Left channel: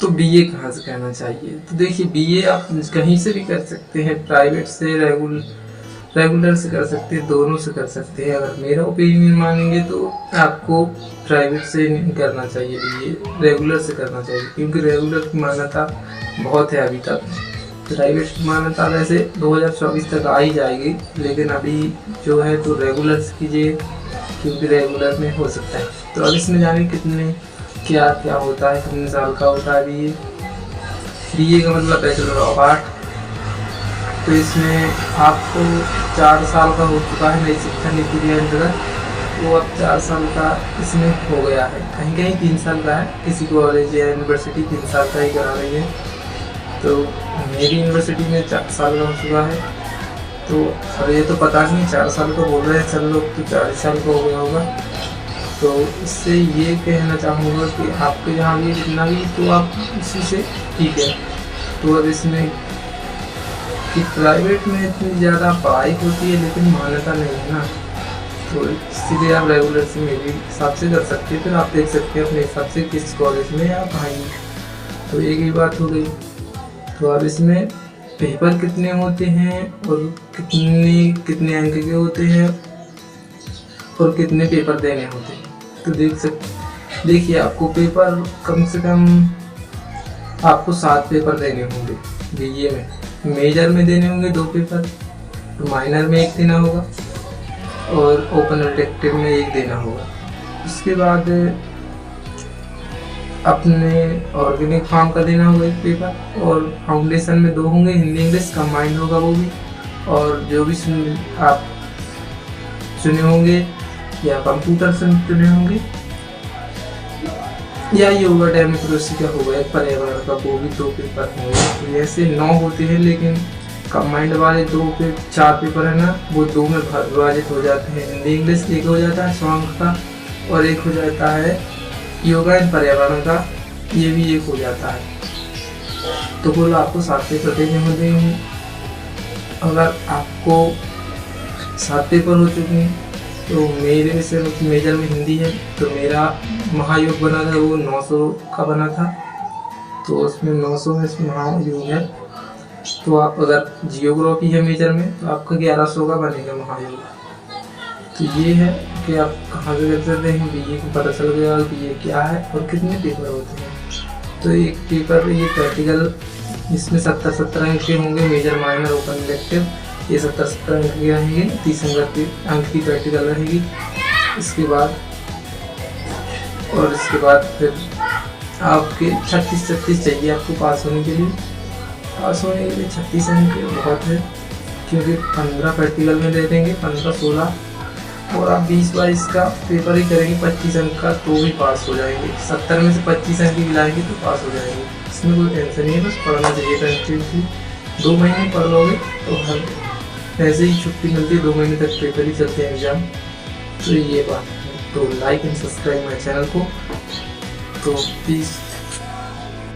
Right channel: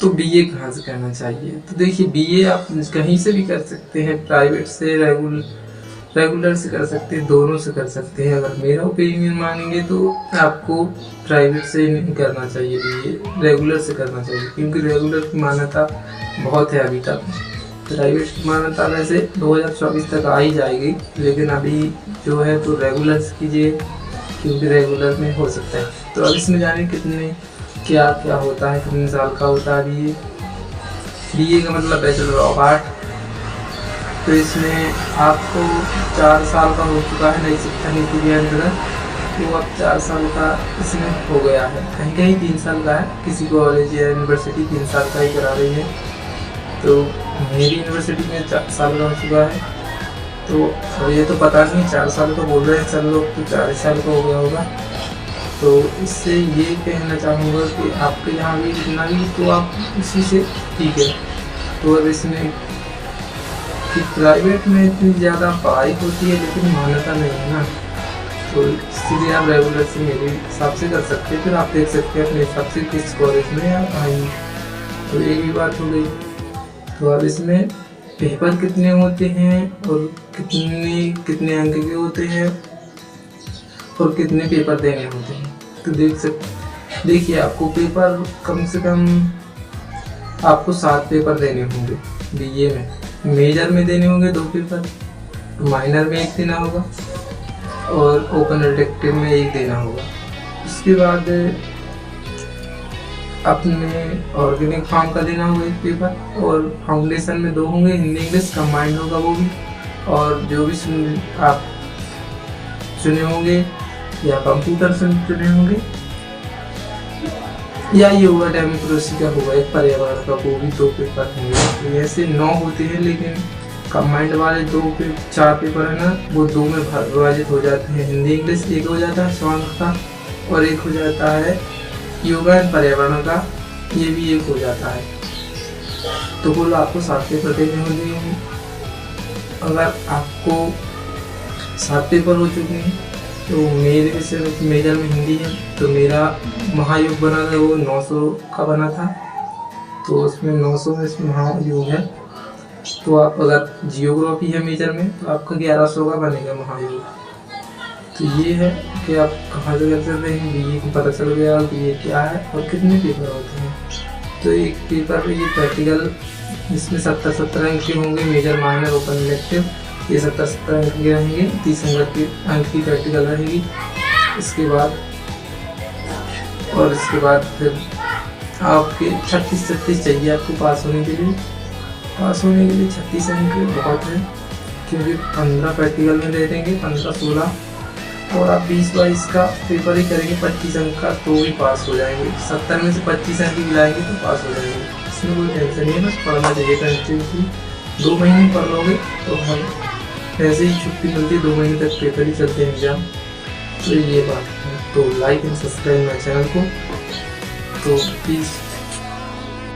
तो बीए कहाँ से करना चाहिए? तो देखिए, बीए आप कहीं से भी कर सकते हैं, प्राइवेट से, रेगुलर से कर सकते हैं, दोनों से कर सकते हैं। अगर मेरा ओपिनियन मानेंगे तो आपको प्राइवेट से नहीं करना चाहिए बीए, रेगुलर से करना चाहिए, क्योंकि रेगुलर की मान्यता बहुत है अभी तक। प्राइवेट की मान्यता वैसे 2024 तक आ ही जाएगी, लेकिन अभी जो है तो रेगुलर से कीजिए, क्योंकि रेगुलर में हो सकता है। तो अब इसमें जाने कितने क्या क्या होता है, कितने साल का होता है बीए। बीए का मतलब बैचलर ऑफ आर्ट। तो इसमें आपको 4 साल का हो चुका है नई शिक्षा नीति के अंतर्गत, तो अब 4 साल का इसमें हो गया है। कहीं कहीं 3 साल का है, किसी कॉलेज या यूनिवर्सिटी 3 साल का ही करा रही है। तो मेरी यूनिवर्सिटी में 4 साल का हो चुका है। तो अब ये तो पता नहीं, 4 साल का बोल रहे हैं सब लोग, तो 4 साल का हो गया होगा। तो इससे ये कहना चाहूँगा कि आपके जहाँ भी जितना भी, तो आप उसी से ठीक है। तो अब इसमें कि प्राइवेट में इतनी ज़्यादा पढ़ाई होती है लेकिन मान्यता नहीं है ना, तो इसीलिए आप रेगुलर से मेरे हिसाब से कर सकते हैं। फिर आप देख सकते हैं अपने हिसाब से किस कॉलेज में या कहीं। तो एक ही बात हो गई। तो अब इसमें पेपर कितने होते हैं और कितने अंक के होते हैं और कितने पेपर देने होते हैं, तो देखिए आपको पेपर कम से कम आपको 7 पेपर देने होंगे बीए में। मेजर में देने होंगे 2 पेपर, माइनर में 1 देना होगा और ओपन इलेक्टिव में 1 देना होगा। उसके बाद अपने ऑर्गेनिक फार्म का देना होगा 1 पेपर, और फाउंडेशन में 2 होंगे, हिंदी इंग्लिश कंबाइंड होगा वो भी। और जो भी आप चुने होंगे या कंप्यूटर से चुने होंगे या योगा डेमोक्रेसी का होगा, एक पर्यावरण का, वो भी 2 पेपर होंगे। तो ऐसे 9 होते हैं, लेकिन कंबाइंड वाले 4 पेपर है ना, वो 2 में विभाजित हो जाते हैं। हिंदी इंग्लिश 1 हो जाता है 100 अंक का, और 1 हो जाता है योगा एंड पर्यावरण का, ये भी 1 हो जाता है। तो कुल आपको 7 पेपर देने होंगे। अगर आपको 7 पेपर हो चुके हैं, तो मेरे विषय में मेजर में हिंदी है, तो मेरा महायोग बना था वो 900 का बना था, तो उसमें 900 में महायोग है। तो आप अगर जियोग्राफी है मेजर में, तो आपका 1100 का बनेगा महायोग। तो ये है कि आप कहाँ से कर सकते हैं। बीए को पता चल गया बीए क्या है और कितने पेपर होते हैं। तो एक पेपर ये प्रैक्टिकल, इसमें 70-70 अंक के होंगे, मेजर माइनर ओपन इलेक्टिव, ये 70-70 अंक के रहेंगे, 30 अंक की प्रैक्टिकल रहेगी। इसके बाद फिर आपके 36 चाहिए आपको पास होने के लिए। 36 अंक बहुत है, क्योंकि 15 प्रैक्टिकल में दे देंगे, 15-16, और आप 20-22 का पेपर ही करेंगे 25 अंक का, तो भी पास हो जाएंगे। 70 में से 25 अंक भी लाएंगे तो पास हो जाएंगे। इसमें कोई टेंशन नहीं है, बस पढ़ना चाहिए कंटिन्यूसली। 2 महीने पढ़ लोगे तो हर ऐसे ही छुट्टी मिलती है, 2 महीने तक पेपर ही चलते हैं एग्ज़ाम। तो ये बात है। तो like and subscribe my channel को, तो प्लीज़